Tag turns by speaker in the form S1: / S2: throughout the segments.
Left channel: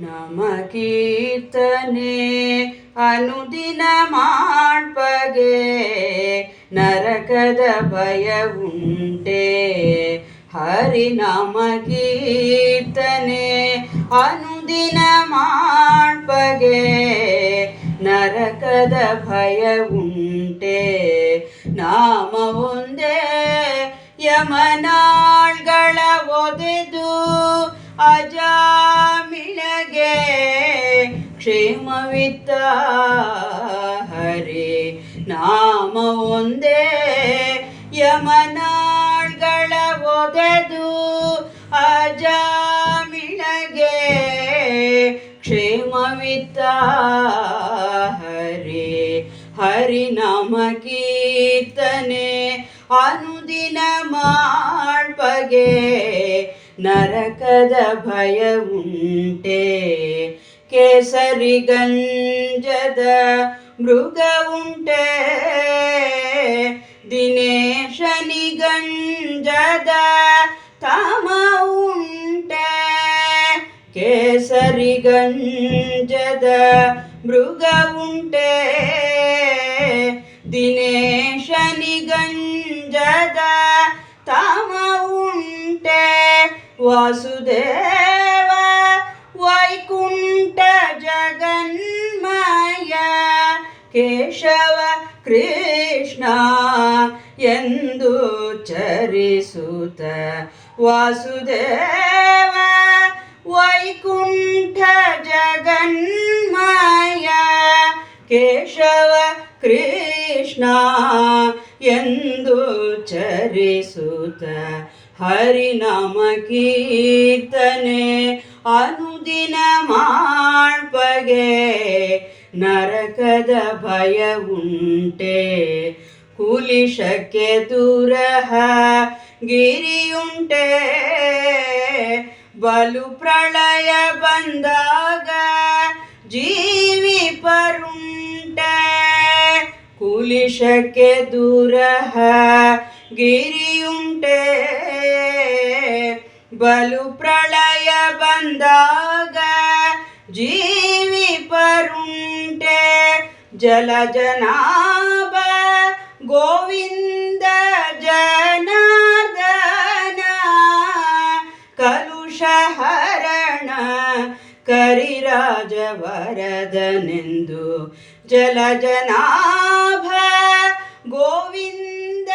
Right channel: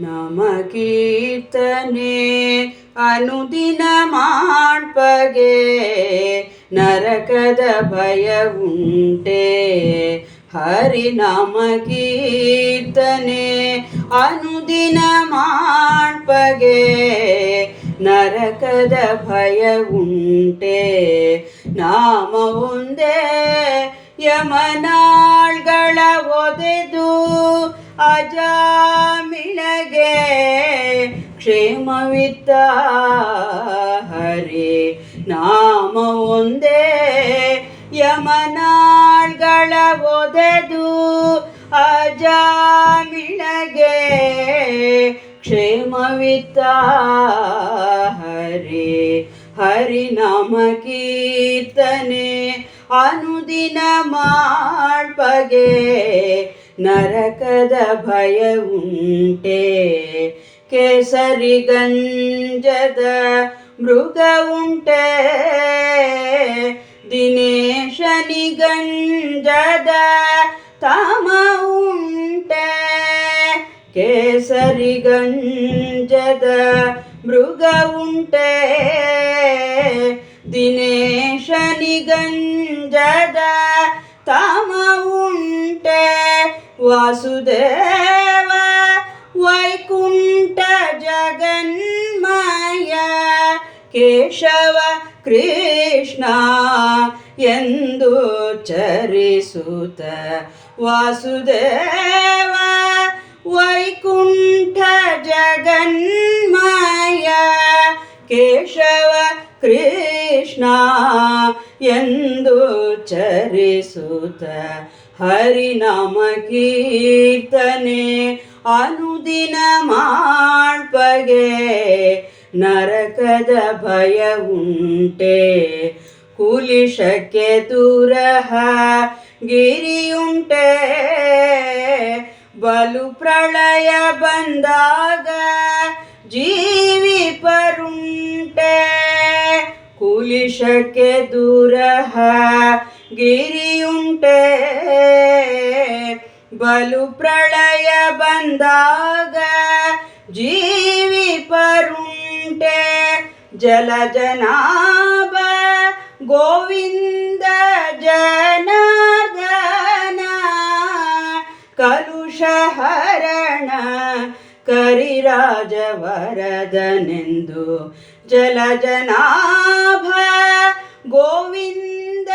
S1: ನಮ ಕೀರ್ತನೆ ಅನುದಿನ ಮಾಡ್ಪಗೆ ನರಕದ ಭಯ ಉಂಟೆ. ಹರಿನಾಮ ಕೀರ್ತನೆ ಅನುದಿನ ಮಾಡ್ಪಗೆ ನರಕದ ಭಯ ಉಂಟೆ. ನಾಮ ಒಂದೇ ಯಮನಾಳ್ಗಳ ಒದೆದು ಅಜಾಮಿಳಗೆ ಕ್ಷೇಮವಿತ್ತ ಹರಿ ನಾಮ ಒಂದೇ. ಯಮನಾಳ್ಗಳ ಒದೆದು ಅಜಾಮಿಳಗೆ ಕ್ಷೇಮವಿತ್ತ ಹರಿ. ಹರಿನಾಮ ಕೀರ್ತನೆ ಅನುದಿನ ಮಾಡ್ಪಗೆ ನರಕದ ಭಯ ಉಂಟೆ ಕೇಸರಿ ಗಂಜದ ಮೃಗ ಉಂಟೆ ದಿನೇಶನಿ ಗಂಜದ ತಾಮ ಉಂಟೆ ಕೇಸರಿ ಗಂಜದ ಮೃಗ ಉಂಟೆ ದಿನೇಶನಿ ಗಂಜದ ತಾಮ ಉಂಟೆ ವಾಸುದೇವ ವೈಕುಂಠ ಜಗನ್ಮಯ ಕೇಶವ ಕೃಷ್ಣ ಎಂದು ಚರಿಸುತ್ತ ವಾಸುದೇವ ವೈಕುಂಠ ಜಗನ್ಮಯ ಕೇಶವ ಕೃಷ್ಣ ಎಂದು ಚರಿಸುತ್ತ ಹರಿನಾಮ ಕೀರ್ತನೆ ಅನುದಿನ ಮಾಡ್ಪಗೆ ನರಕದ ಭಯ ಉಂಟೆ. ಕುಲಿಶಕ್ಕೆ ದೂರಹ ಗಿರಿಯುಂಟೆ. ಬಲು ಪ್ರಳಯ ಬಂದಾಗ ಜೀವಿ ಪರುಂಟೆ ಕುಲಿಶಕ್ಕೆ ದೂರಹ ಗಿರಿಯುಂಟೆ. ಬಲು ಪ್ರಳಯ ಬಂದಾಗ ಜೀವಿ ಪರುಂಟೆ ಜಲ ಜನಾಭ ಗೋವಿಂದ ಜನಾರ್ದನ ಕಲುಷ ಹರಣ ಕರಿರಾಜವರದನೆಂದು ಜಲ ಜನಾಭ ಗೋವಿಂದ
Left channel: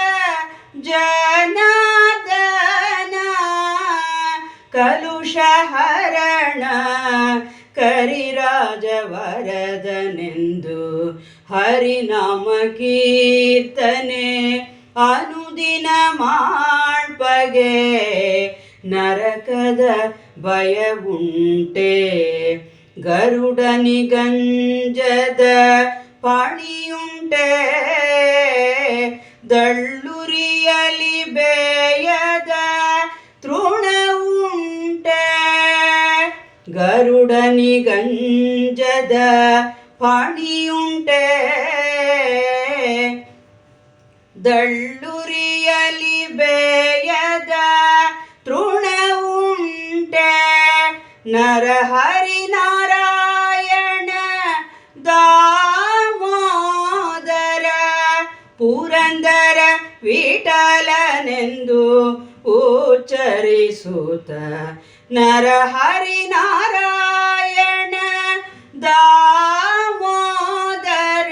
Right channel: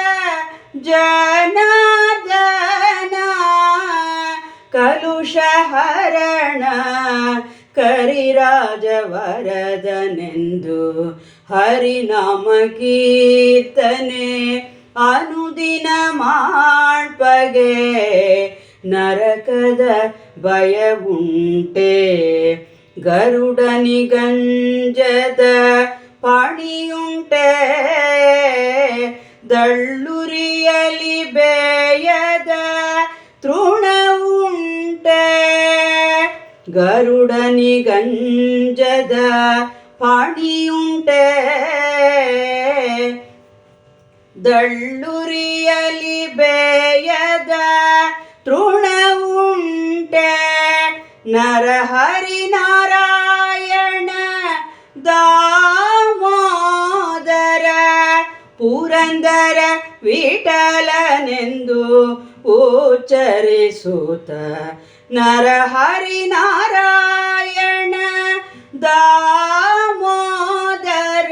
S1: ಜನಾರ್ದನ ಕಲುಷ ಹರಣ ಕರಿರಾಜವರದನೆಂದು ಹರಿನಾಮ ಕೀರ್ತನೆ ಅನುದಿನ ಮಾಡ್ಪಗೆ ನರಕದ ಭಯವುಂಟೆ ಗರುಡನಿ ಗಂಜದ ಪಾಣಿಯುಂಟೆ ದಳ್ಳುರಿಯಲಿ ಬೇಯದ ಗರುಡನಿ ಗಂಜದ ಪಾಣಿಯುಂಟೆ. ದಳ್ಳುರಿಯಲಿ ಬೇಯದ ತೃಣ ಉಂಟೆ ನರಹರಿ ನಾರಾಯಣ ದಾಮೋದರ ಪುರಂದರ ವಿಠಲನೆಂದು ಉಚ್ಚರಿಸುತ್ತ ನರಹರಿ ನಾರಾಯಣ, ದಾಮೋದರ,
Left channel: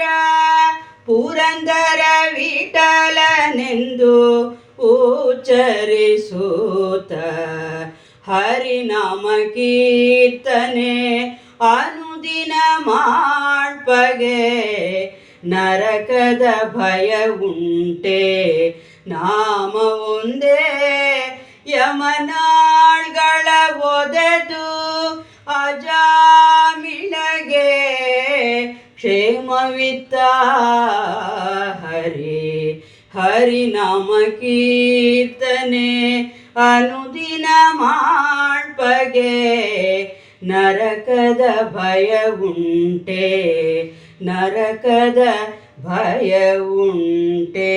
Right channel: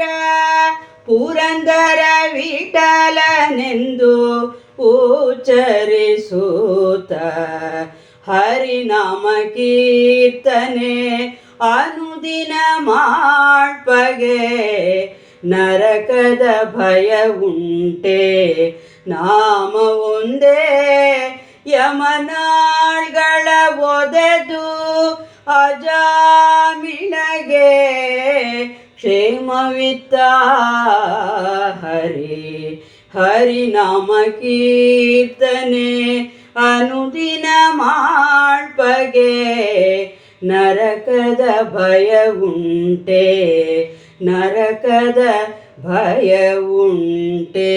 S1: ಪುರಂದರ ವಿಠಲನೆಂದು ಹರಿ ಹರಿನಾಮ ಕೀರ್ತನೆ, ಅನುದಿನ ಮಾಡ್ಪಗೆ ನರಕದ ಭಯ ಉಂಟೆ. ನಾಮ ಒಂದೇ, ಯಮನಾ ಅಜಾಮಿಳಗೆ ಕ್ಷೇಮವಿತ್ತ ಹರಿ ಹರಿನಾಮ ಕೀರ್ತನೆ ಅನುದಿನ ಮಾಡ್ಪಗೆ ನರಕದ ಭಯ ಉಂಟೆ ನರಕದ ಭಯ ಉಂಟೆ.